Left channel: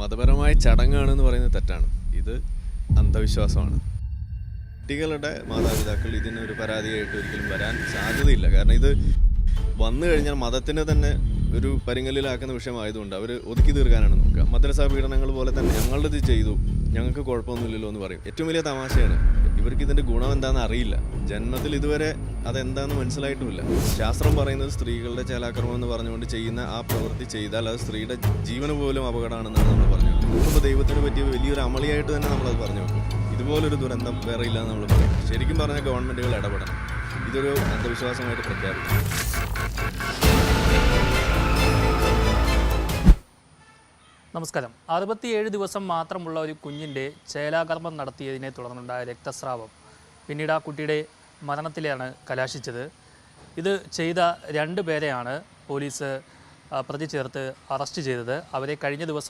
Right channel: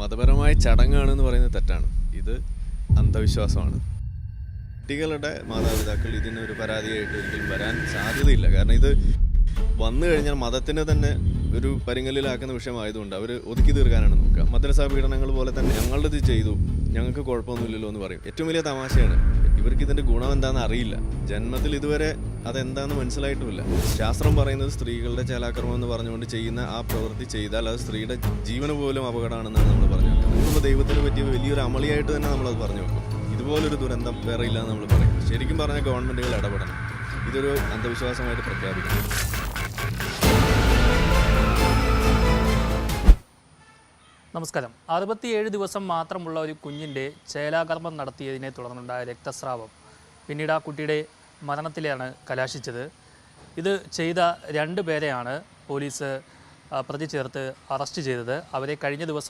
മതപരമായ ചടങ്ങാണെന്ന് പറയുന്നത് തെറ്റാണ്. ഇത് അന്ധവിശ്വാസമാണ്. കുട്ടികളുടെ മാതാപിതാക്കൾ ഇതിനൊരു പരാതിയായിട്ട് ഒരിക്കലും വരാൻ സാധ്യതയില്ല. കാരണം ഇത് വന്നു കഴിഞ്ഞാൽ മതത്തിന് തന്നെ ഒരു പരിങ്ങലിലാക്കുന്ന വിഷയമായതുകൊണ്ട് അവർ ഒതുക്കി തീർക്കാനാണ് നോക്കുക. മദ്രസാ പീഡനങ്ങൾ പോലെ തന്നെ ഞങ്ങളിത് ചെയ്തു, ഞങ്ങൾക്ക് കുഴപ്പമൊന്നുമില്ലല്ലോ എന്ന് പറയും. ഏറ്റവും വലിയ തമാശയാണ്, ഇവർക്ക് ഇതിൻ്റെ ഗുണം എന്താണെന്ന് അറിയില്ല. ജന്മത്തിൽ ഇതുവരെ അതെന്താണെന്ന് മനസ്സിലായിട്ടുമില്ല. ശാസ്ത്രം പറയുന്നത് സ്ത്രീകളുടെ ചേലാക്രമം എന്ന് പറഞ്ഞുകൊണ്ട് ചെയ്യുന്ന ആ പ്രവൃത്തി ചെയ്താൽ അത് സ്ത്രീയുടെ ജീവന് പോലും അപകടമാണെന്നാണ് നമ്മൾ പറഞ്ഞു വെക്കുന്നത്. നോക്കുമ്പോൾ ദൈവത്തിന് പറ്റിയ വലിയൊരു അമളിയായിട്ട് തന്നെ നമ്മളത് പറഞ്ഞു വെക്കും. ഇതുപോലൊരു ദുരന്തം വേറെ ഇല്ലയെന്ന് നമ്മൾ പറയും. ശരിക്കും പറഞ്ഞാൽ ഗവൺമെൻറ്റുകൾ ഇടപെടണം. ഇതൊരു അന്ധവിശ്വാസമായിട്ട് പ്രഖ്യാപിക്കണം. നമസ്കാരം. 67 ദിവസം മാത്രമുള്ള ഒരു കുഞ്ഞിൻ്റെ ചേലാകർമ്മം നടത്തിയതിനെ തുടർന്നുണ്ടായ രക്തസ്രാവം പിന്നീട് ആ കുട്ടിയുടെ മരണത്തിലാണ് കലാശിച്ചത്. ഇത് ചെയ്ത 2 പേരെയാണ് പോലീസ് പ്രതി ചേർത്ത് അറസ്റ്റ് ചെയ്തത്. അവരെ കഴിഞ്ഞ ദിവസം